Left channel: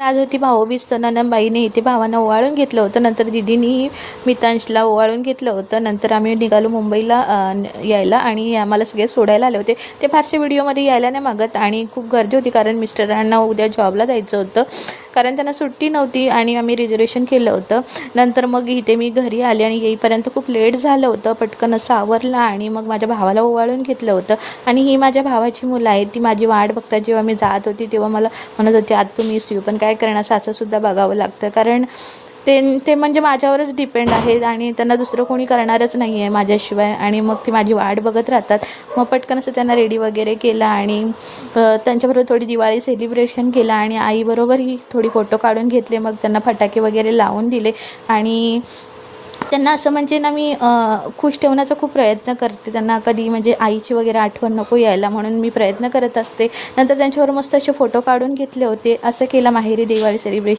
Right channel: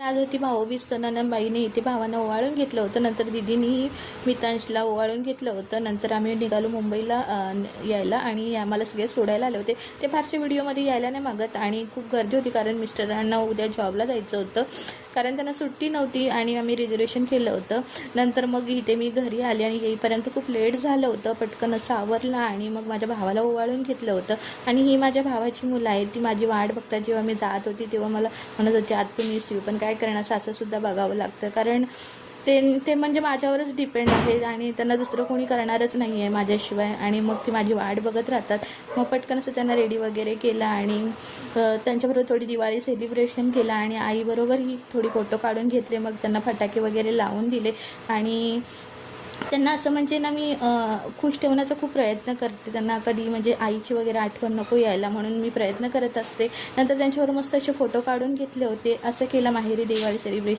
तर आज होती भाऊबीज, तर नंदनबाईने इथे भावांना ओवाळून घेतलं होतं. नंतर दिदीनी मितांशला ओवाळून घेतलं होतं. नंतर आम्ही निघालो मुंबईला यायला आणि आम्हाला सगळे सोडायला आले होते. ते फारसे व्हिडिओमध्ये यायला नाही मागत आणि खूप गर्दी होती कारण मिस्टरांना उद्या जॉबला जायचं होतं, कारण त्यांना सुट्टी नव्हती आणि आम्ही रिझर्वेशन केलं होतं. नंतर मग इथे मी घरी आले आणि येईपर्यंत खूप लेट झालं होतं. पटकन असं आवरलं आणि मग माझ्या भावाला ओवाळून घेतलं होतं. आणि ही माझ्या भावाची मुलं आहेत, ती माझी वाट बघतात. जेव्हा मी जात होती तेव्हा मला म्हणत होते आत तू मिस यू, पण काय करणार, सासंसुद्धा बघावं लागतं कारण ते म्हणजे माझ्यावरच डिपेंड आहेत आणि त्यांना दुसरं कोणी करणारच नाही आहे माझ्याशिवाय. आणि मग ती माझी वाट बघत राहतात. मग पटकन असं त्यांना रेडी वगैरे केलं आणि त्यांच्याबरोबर थोडी दिवाळी सेलिब्रेशन केलं आणि आईबरोबरही थोडी फोटो काढून घेतले. मग त्यांना फटाके वगैरे लावून दिले आणि त्यांना असं म्हणजे ना मी खुश ठेवण्याचा खूप प्रयत्न करते. त्यांना कधी म्हणजे आईची वगैरे आठवण नको यायला म्हणून मी प्रयत्न करत असते. नंतर त्यांच्यावर मस्त असे फोटो काढून घेतले होते. असं केलं माहेरी दिवाळी सेलिब्रेशन.